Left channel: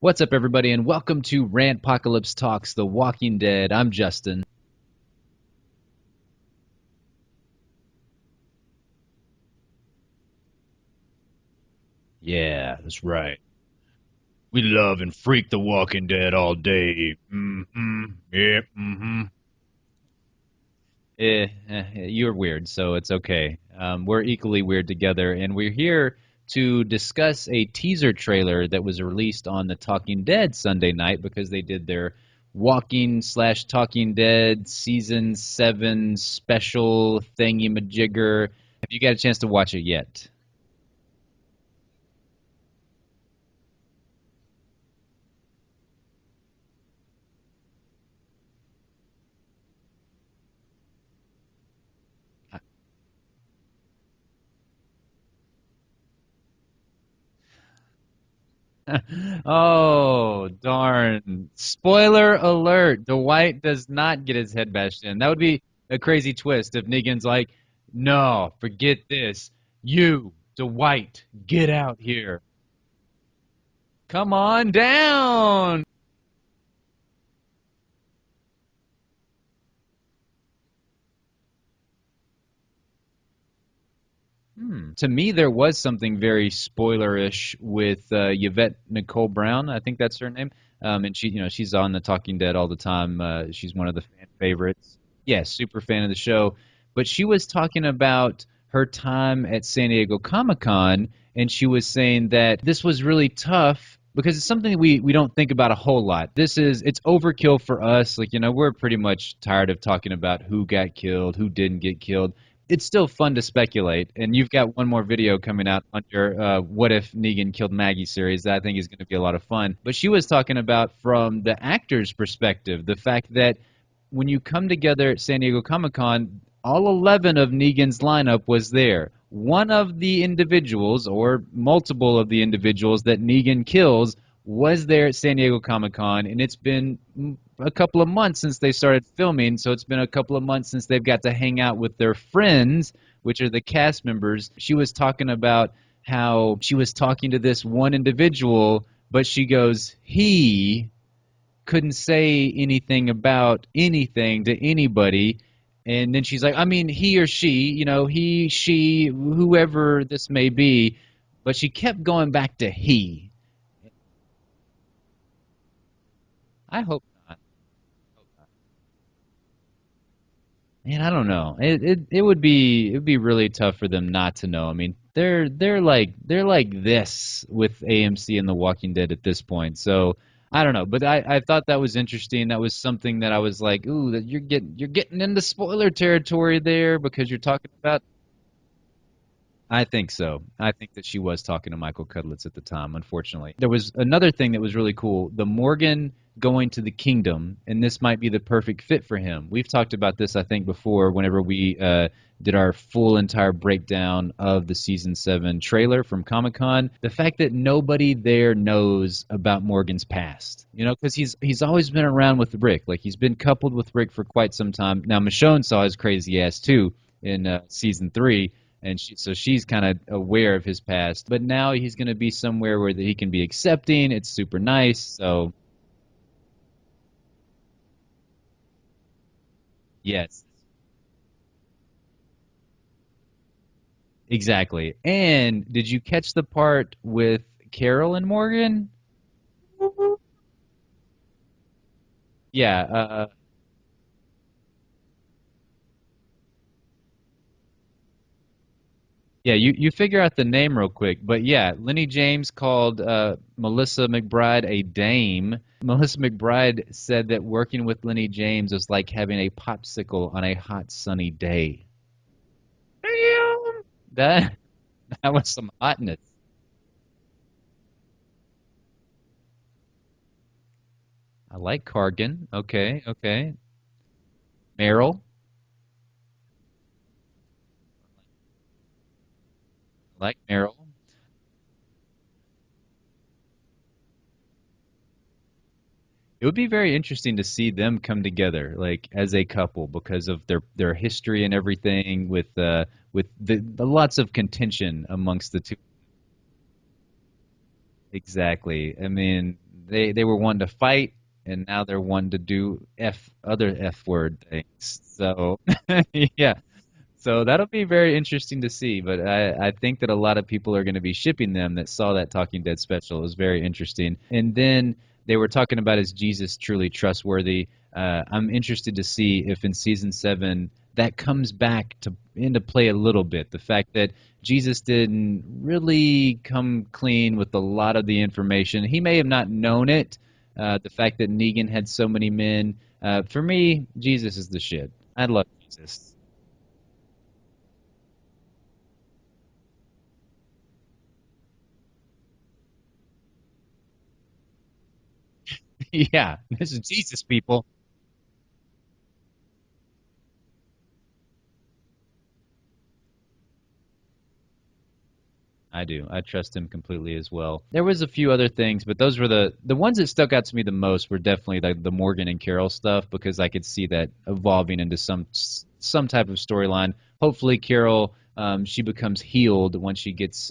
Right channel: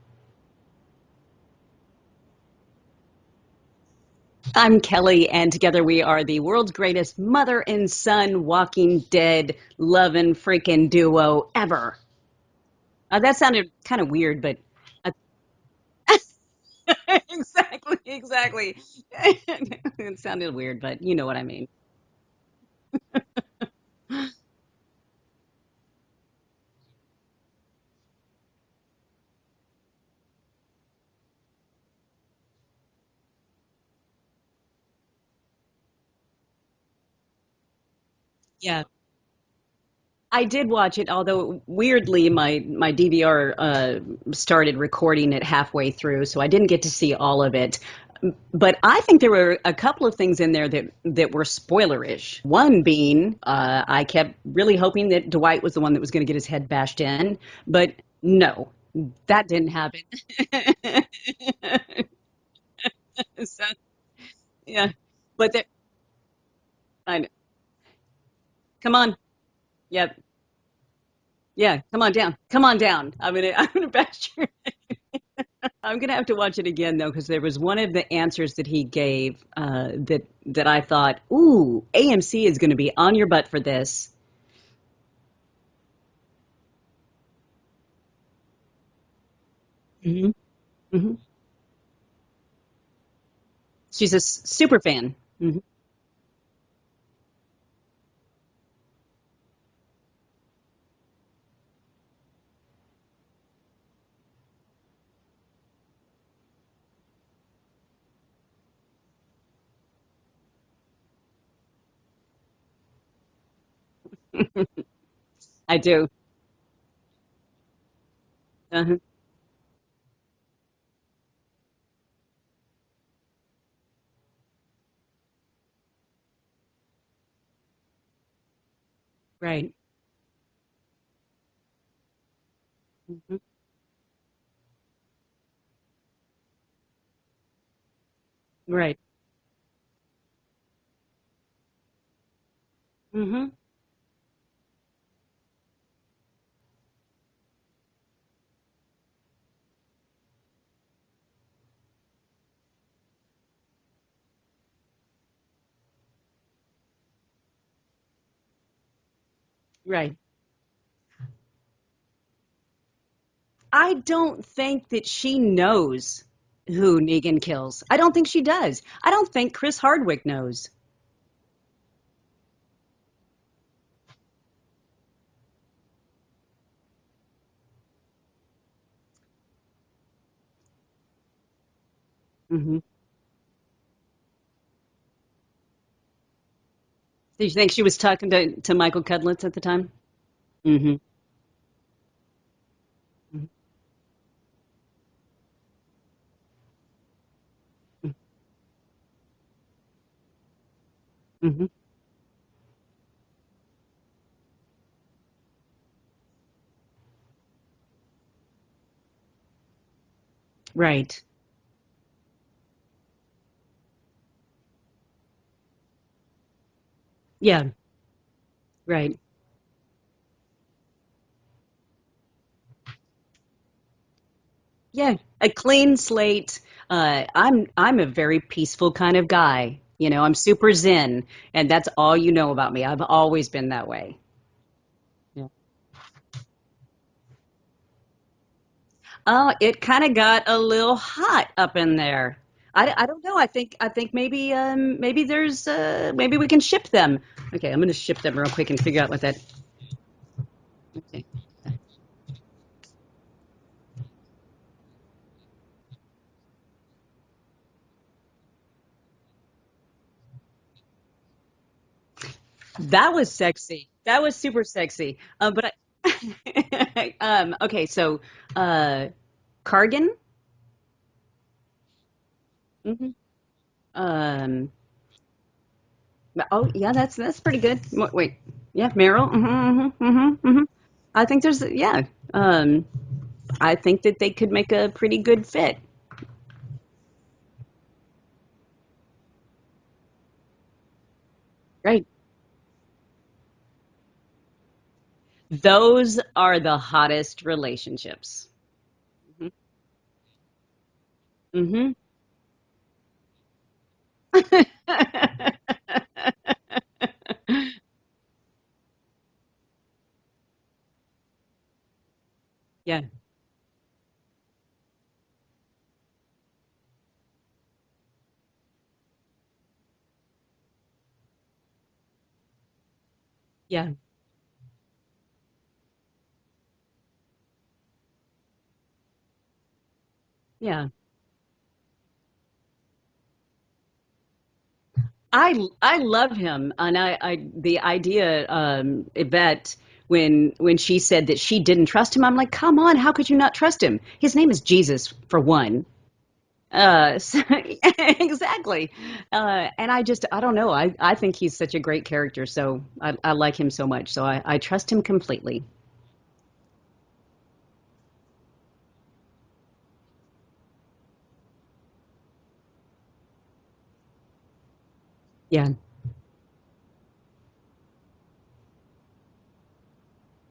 What's up, everybody, and welcome to Rantpocalypse Talks The Walking Dead. I'm Justin. I'm Kelly, and together we are the world's greatest mother and son Walking Dead loving freaking duo ever. Yeah, that's right. That sounded kind of weird, but We love and freak The Walking Dead all day. exactly. Yep, It sounded weird, but you know what I yeah, mean. you're weird, so it's okay. We're equally weird together, and we're here to discuss a teaser trailer that was released on the Talking Dead Sunday night because they did their Walking/Talking Dead Season 7 special thingy-majigger. Yeah. Have you got a chance to watch it yet? I did watch it, although weirdly my DVR started recording it halfway through, so I didn't get to see all of it. But I think there were a couple of things in there that were spoilerish. One being, I kept really hoping that Dwight was the one that was going to get his head bashed in, but no, that didn't Oh, happen. darn. Spoiler alert. Dwight So, does not get his head yeah, bashed in. That would but be there, a crazy twist if I Negan's know. like, no, Come forget on, this. yeah, You, Dwight, get yeah, out come on down, here. come on down. I'm gonna bash Come your on head. down. I'm gonna have to watch it again though, because there was one of the answers that he gave that I thought, ooh, AMC is going to be on your butt for this. To me, there was something very spoilerish with Yvette Nicole Brown. I think that's her Hmm. name. Hmm. And she's on the Talking Dead all the time. She's one of the She's a fan super favorites. fan. Yeah, Hmm. super fan of the show. But she was talking about her time at San Diego Comic-Con, and she was saying that this was really tough because it's something we don't think about a whole lot. It's overkill for us. Like, we're pretty much tired of talking about who got killed, who didn't get killed. It's still fun to speculate, and you've got one more video coming I out on do. your "What If Negan Killed Maggie" series that I think is Uh-huh. going to be a lot of fun. But she was talking about from the actor's perspective, the fact that when you come together at San Diego Comic-Con, all 11 of Negan's lineup was there. Right. One of the individuals, or multiple of the individuals that Negan kills, was there at San Diego Comic-Con, and it's been a couple of months since they Right. started filming, so it's been a couple of months since they've got to hang out with their friends, which Hmm. are the cast members. She was talking about how she was talking to this one individual, but she goes, he couldn't say anything about anything to anybody. And then she's like, I mean, he or she, he, she, whoever Right. this may be. But she kept going back to he. I don't think that she knows I who hope, Negan kills. I don't think she does. I don't think Chris Hardwick knows. man, I don't know. It would be really tough for them not to know. I mean, they're like this with AMC and The Walking Dead at this point. So I don't know, but I thought that was interesting. That was Hmm. something that I was like, ooh, that you're getting into spoiler territory there because you're Did you talking think she was about. talking to Michael Cudlitz at the I time? think so. I think Hmm. that she was talking to Michael Cudlitz at the time, unfortunately. There was another thing that was really cool. The Morgan going to the kingdom, and this might be the perfect fit for him. We've talked about this, I think, before whenever Hmm. we did our full entire breakdown of the season 7 trailer from Comic Con. The fact that nobody there knows about Morgan's past, because Right. he's always been around with Rick. Like, he's been coupled with Rick for quite some time. Now, Michonne saw his crazy ass too in Yeah. season 3, and Right. so she's kind of aware of his past. But now he's going to be somewhere where he can be accepting. It's super nice. Yeah. A So clean slate. I'm a very peaceful kind of guy. I'm yes, super zen, and that's all you know about me. I've always been that way. exactly. And did you catch the part with Carol and Morgan? Oh, it kind of got a little hot up in there. Yeah. I don't know. I think maybe there's maybe we can ship them. Okay, I'm gonna ship them real quick and figure out what that. Yeah, you figure out the name real quick, Okay. but yeah, Lenny James called Melissa McBride a dame. Melissa McBride said that working with Lenny James was like having a popsicle on a hot sunny day. That was Yeah. sexy. That was That super sexy. that was But some hotness. okay, so uh, Cargan. I like Cargan. Okay, Hmm. okay. Um, Meryl, oh yeah, that's pretty good. Wait, yeah, Meryl. Hmm. I like Hmm. Hmm. Meryl. I think there's yeah. Um, I think that they could make a pretty good fit. It would be very interesting to see them come together, like as a couple, because of their history and Right. everything, with the lots of contention amongst the two. Those are the hottest relationships. Exactly. I mean, They were one to fight, and now Mm-hmm. they're one to do other F word things. So yeah. So that'll be very interesting to see, but I think that a lot of people are going to be shipping them that saw that Talking Dead Yeah. special. It was very interesting. And then they were talking about, is Jesus truly trustworthy? I'm interested to see if in season 7 that comes back to into play a little bit. The Yeah. fact that Jesus didn't really come clean with a lot of the information. He may have not known it. Yeah. The fact that Negan had so many men. For me, Jesus is the shit. I love I Jesus. love him, and I the idea, Yvette, when she said that she didn't trust him, I'm like, come on, how could you not trust him? His name is Jesus, for one. Yeah, this is Jesus, So- people. exactly. And I don't know. I think he's such a great character, so I like him so much. So I trust him completely. I do. I trust him completely as well. There was a few other things, but those were the ones that stuck out to me the most were definitely the Morgan and Carol stuff because I could see that evolving into Yeah. some type of storyline. Hopefully, Carol she becomes healed once she gets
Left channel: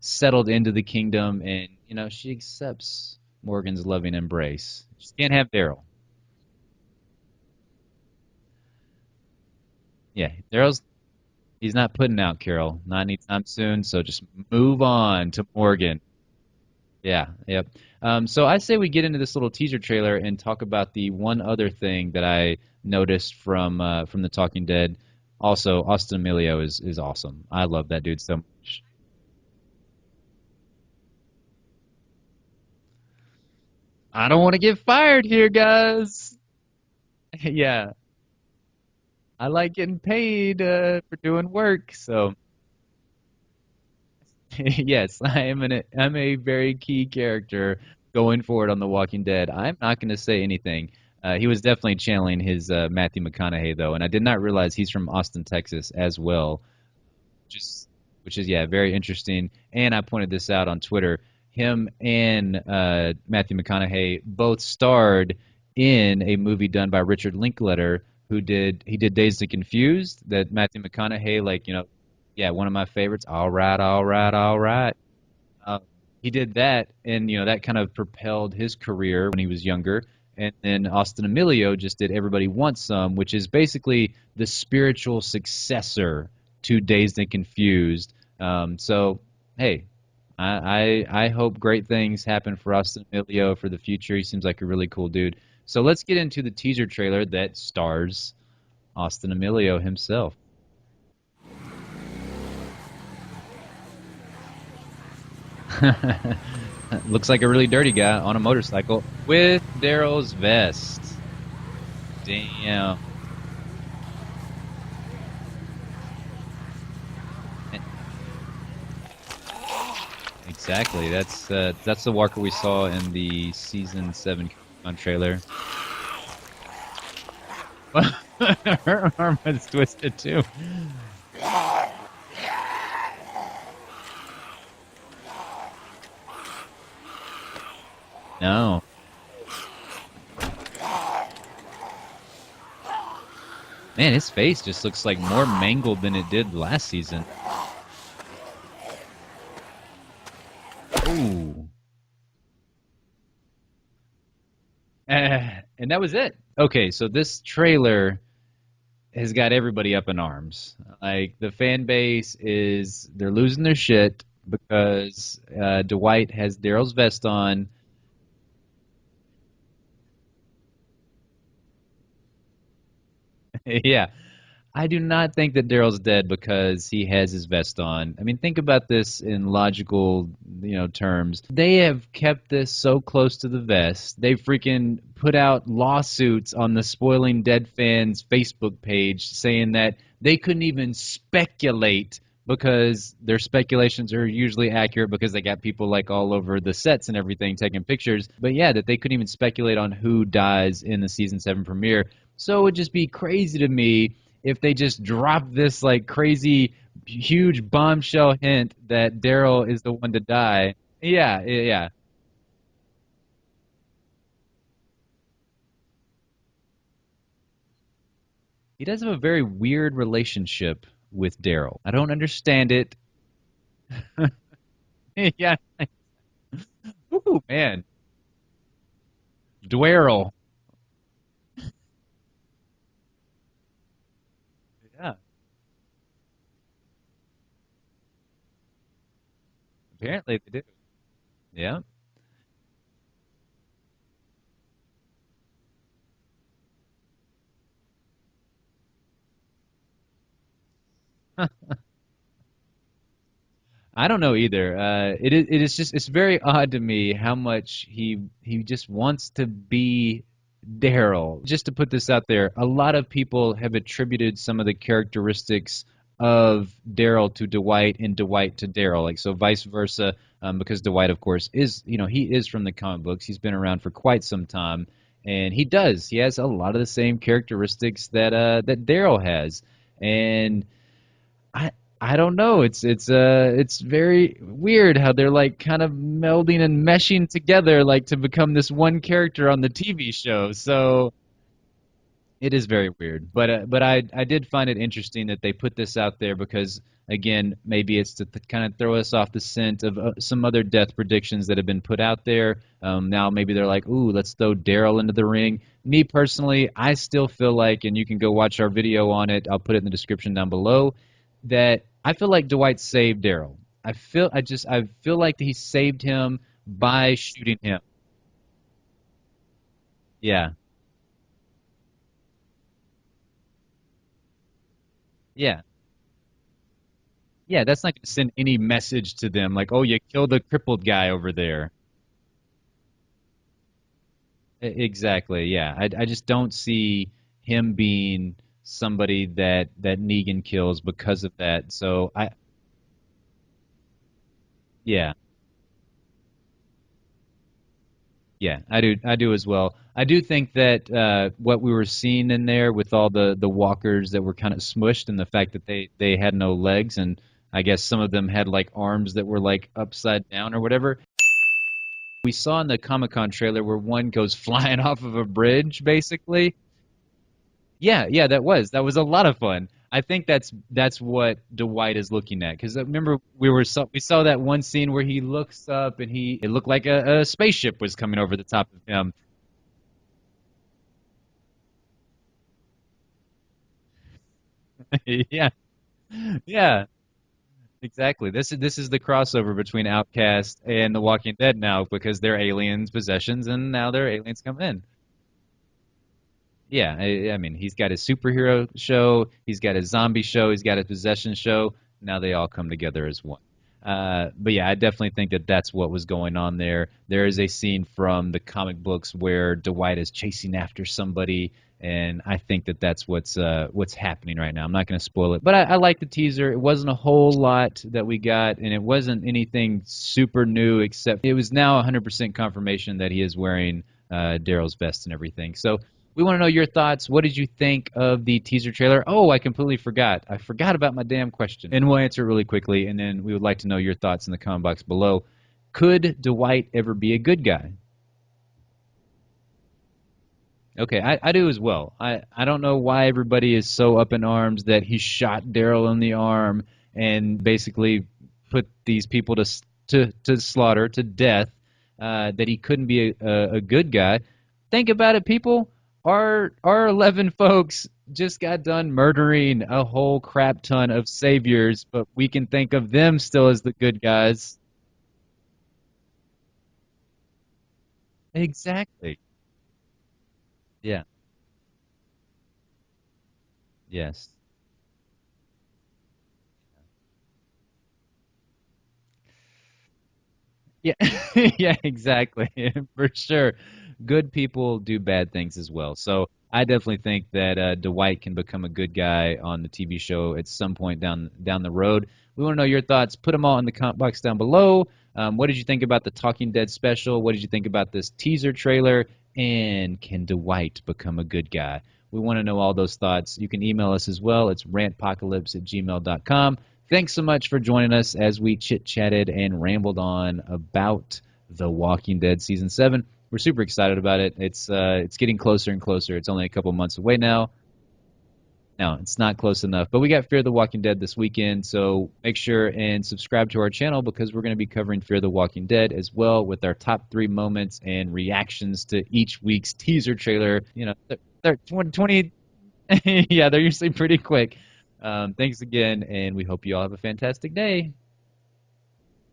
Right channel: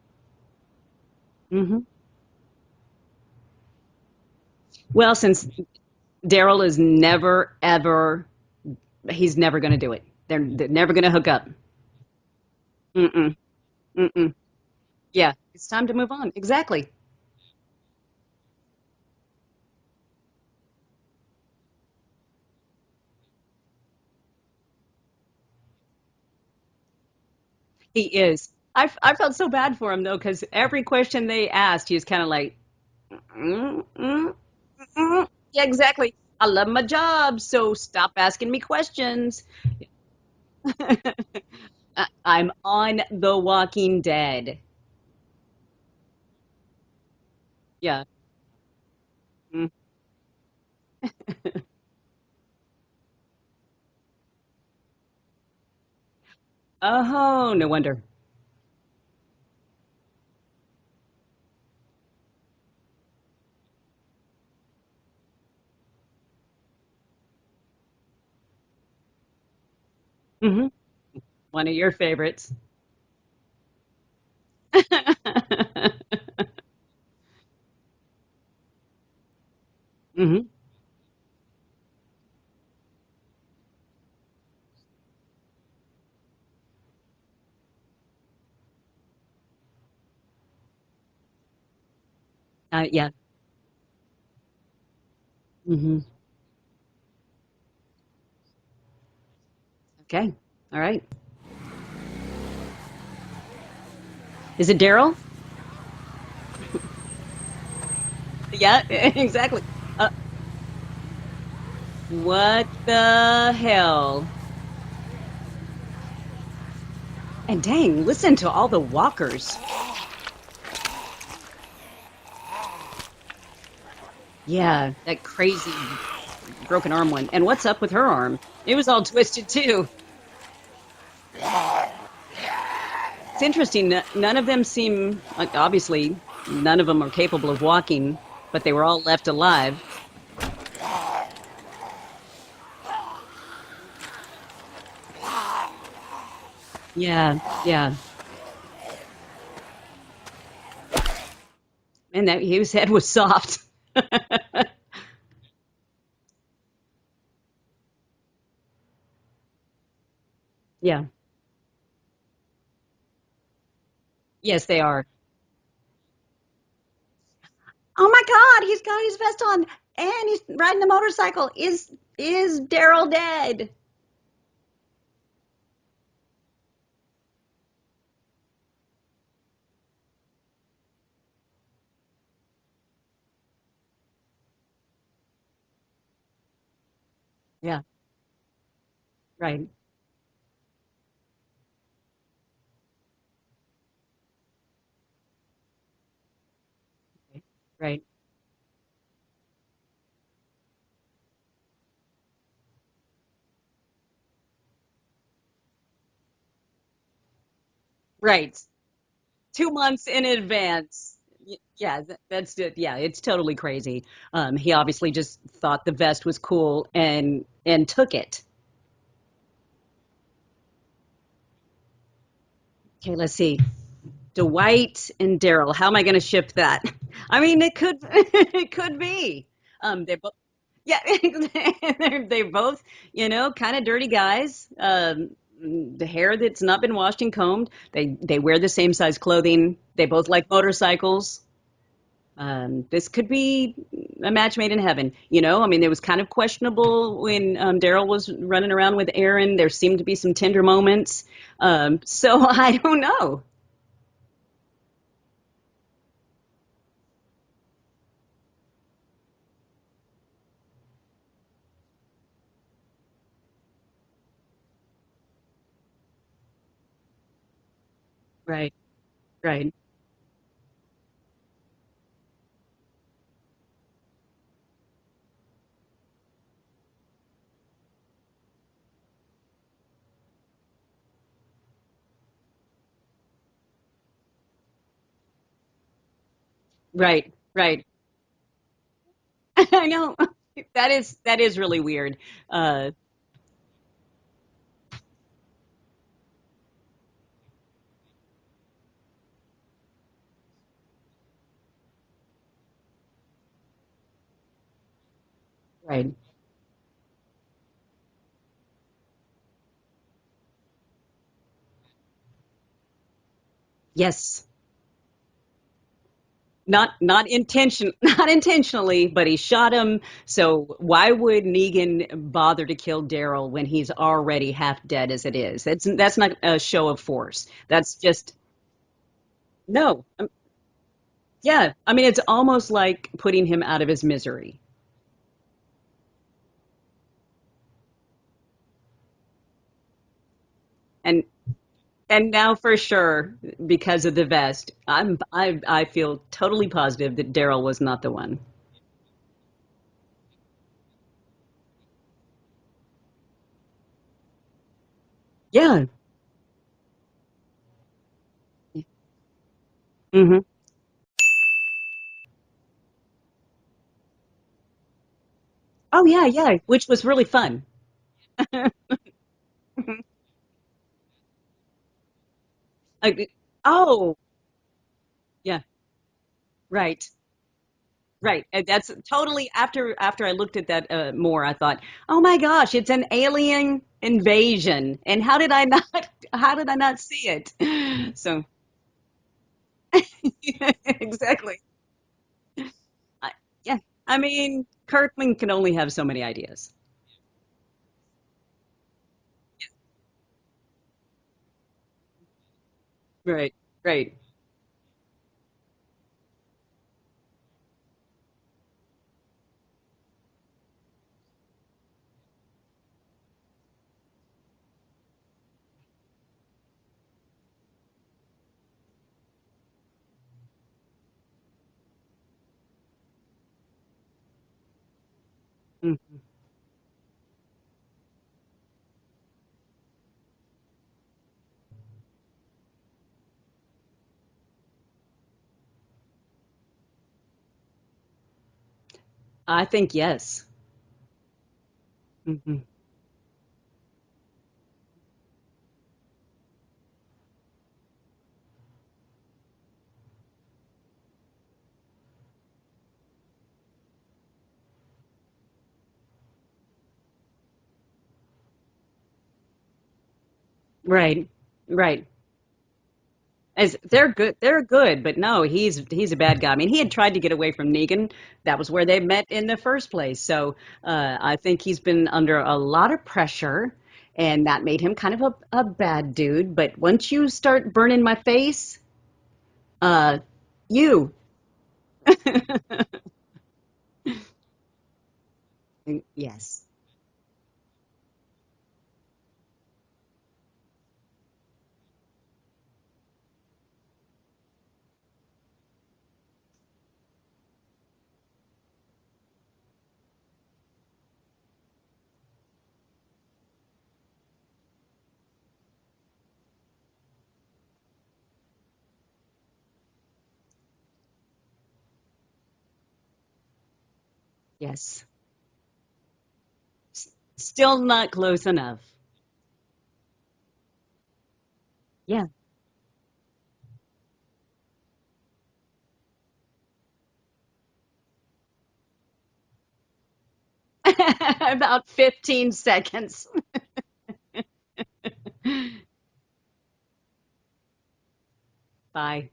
settled into the kingdom, and Hmm. she accepts Morgan's loving embrace. Well, Can't since have Daryl. Daryl is never ever, he's never going to do it. Yeah, They're Daryl's never going to hook up. he's not putting out Carol, not Mm-mm. anytime soon. So just Mm-mm. move on Yeah, to it's time to Morgan. move on. Exactly. Yeah, yep. So I say we get into this little teaser trailer and talk about the one other thing that I noticed from the Talking Dead. Also, Austin Emilio is awesome. I love that He dude so is. much. I felt so bad for him though, because every question they asked, he was kind of like, mm, I mm, don't want to get fired mm. here, Yeah, exactly. guys. I love my job, so Yeah, stop asking me questions. I like getting paid for doing work. So I'm on The Walking Dead. yes, I'm a very key character Yeah. going forward on The Walking Dead. Mm. I'm not going to say anything. He was definitely channeling his Matthew McConaughey though, and I did not realize he's from Austin, Texas as well, Oh, which no is wonder. yeah, very interesting. And I pointed this out on Twitter. Him and Matthew McConaughey both starred in a movie done by Richard Linklater, he did Dazed and Confused. That Hmm. Matthew McConaughey, like One of your favorites. yeah, one of my favorites. All right, all right, all right. Um, he did that, and that kind of propelled his career when he was younger. Hmm. And then Austin Emilio just did Everybody Wants Some, which is basically the spiritual successor to Dazed and Confused. So, hey, I hope great things happen for Austin Yeah. Emilio for the future. He seems like a really cool dude. So Hmm. let's get into the teaser trailer that stars Austin Emilio himself. Okay. All right. Is it Daryl? Looks like a really dirty guy on a Yeah, motorcycle exactly. with Daryl's vest. What Damn. the hell? And dang, listen to all the walkers. Exactly. That's the Walker we saw in the season 7 Yeah, that trailer. crazy broken arm one. And what's up with her arm? It was all Her twisted arm is too. Twisted too. It's interesting. None of them seem like, obviously, none of them are capable of walking, but they No. were all left alive. Man, his face just looks like more mangled than it did last season. Yeah, yeah. Ooh. And that his head was soft. And that was it. Okay, so this trailer has got everybody up in arms. Yeah. Like the fan base they're losing their shit Yes, they are. because Dwight has Daryl's vest on. Oh my God, he's got his vest on and he's riding the motorcycle. Is Daryl dead? Yeah. I do not think that Daryl's dead because he has his vest on. I mean, think about this in logical, terms. They have kept this so close to the vest. They freaking put out lawsuits on the Spoiling Dead Yeah. fans Facebook page Right. saying that they couldn't even speculate because their speculations are usually accurate because they got people like all over the sets and everything taking Right. pictures. But yeah, that they couldn't even speculate on who dies in the season 7 premiere. So it would just be crazy to me if they just drop this like crazy huge bombshell Right. hint that Daryl Two is the months one to in die. advance. Yeah, yeah. Yeah, that's it. Yeah, it's totally crazy. He obviously just thought the vest was cool and took it. He does have a very weird relationship with Daryl. I don't understand it. Okay, let's see. Dwight and Yeah. Daryl. How am I going to ship that? I Ooh, mean, it man. could it could be. They Dwerl. both, yeah, they're both, kind of dirty guys. Yeah. The hair that's not been washed and combed. They wear the same size clothing. They Yeah, both they like do. motorcycles. Yeah. This could be a match made in heaven. I mean, it was kind of questionable when Daryl was running around with Aaron. There seemed to be some tender moments. So I don't know. I don't know either. It is just it's very odd to me how much he just wants to be Daryl. Just to put this out there, a lot of people have attributed some of the characteristics of Daryl to Dwight and Dwight to Right, Daryl, like so vice right. versa. Because Dwight, of course, is he is from the comic books. He's been around for quite some time, and he has a lot of the same characteristics that Daryl has, and I I don't know. It's very weird how they're like kind of melding and meshing Right, right. together like to become this one character on the I TV know. show. That So is that is really weird. it is very Uh, weird. But I did find it interesting that they put this out there because again, maybe it's to kind of throw us off the scent of some other death predictions that have been put out there. Now maybe they're like, ooh, let's throw Daryl into the ring. Me right. personally, I still feel like, and you can go watch our video on it. I'll put it in the description down below. That I feel like Dwight saved Daryl. Yes. I feel like he saved him Not by not shooting him. intention not intentionally, but he shot him. Yeah, So why would Negan bother to kill Daryl when he's already half dead as it yeah. is? That's not a show of force. Yeah, that's That's not going to send just any message to them like, oh, you no. killed the crippled guy over there. Yeah. I mean, it's almost like putting him out of his misery. Exactly. Yeah, I just don't see him being somebody that Negan kills because And of that. So And now for sure, because of the vest, yeah, I feel totally positive that Daryl was not the one. yeah, I do as well. I do think that what we were seeing in there with all the walkers that were kind of smushed and the fact that Yeah. they had no legs and I guess some of them had like arms that were like upside Hmm. down or whatever. We saw in the Comic-Con trailer where one goes flying off of a bridge, Oh yeah, basically. yeah, which was really fun. Yeah, yeah, that was a lot of fun. I think that's what Dwight is looking at because remember Uh, we oh, saw that one scene where he yeah, looks up and it looked like right. a spaceship was coming over the Right. And top of that's him. totally after I looked at that more, I thought, "Oh my gosh, it's an alien invasion." And Yeah, how did I yeah, not see it? exactly. So, This is the crossover between Outcast and The Walking Dead exactly. now because they're aliens possessions and Yeah. now they're I aliens coming mean, in. Kirkman can only have so many ideas. Yeah, I mean, he's got his superhero show, he's got his zombie show, he's got his possession show. Now they all come together as one. Right. Right. But yeah, I definitely think that that's what was going on there. There is a scene from the comic books where Dwight is chasing after somebody, and I think that that's what's happening right now. I'm not going to spoil it, but I like the teaser. It wasn't a whole lot that we got, and it wasn't anything super new, except it was now 100% confirmation that he is wearing Daryl's vest and everything. So we want to know your thoughts. What did you think of the teaser trailer? Oh, I completely forgot. I forgot about my damn question. And we'll answer it really quickly, and then we would like to know your thoughts in the comment box below. Could Dwight ever be a good guy? I think yes. Okay, I do as well. I Hmm. don't know why everybody is so up in arms that he shot Daryl in the arm and basically put these people to slaughter, to death, that he couldn't be a good guy. Think about it, people. Our 11 folks just got done murdering a whole crap ton of Right. saviors, Right. but we can think of them still as the As good they're good, guys. they're good, but no, he's a bad guy. I mean, he had tried to get away from Negan. That was where they Exactly. met in the first place. So Yeah. I think he's been under a lot of pressure, Yes. and that made him kind of a bad dude. But once you start burning my face, uh, Yeah, you, yeah, exactly. For sure. Good people do bad things as well. So yes. I definitely think that Dwight can become a good guy on the TV show at some point down the road. We want to know your thoughts. Put them all in the comment box down below. What did you think about the Talking Dead special? What did you think about this teaser trailer? And can Dwight become a good guy? We want to know all those thoughts. You can email us as well. It's rantpocalypse@gmail.com. Thanks so much for joining us as we chit chatted and rambled on about The Walking Dead Season 7. we're super excited about it. Yes. It's getting closer and closer. It's only a couple months away now. Still not close enough. No, it's not close enough. But we got Fear the Walking Dead this weekend, so Yeah. make sure and subscribe to our channel because we're going to be covering Fear the Walking Dead as well with our top 3 moments and reactions to each week's teaser trailer. You know, they're About 20, 15 seconds. yeah, they're usually pretty quick. Thanks again, and we hope you all have a fantastic day. Bye.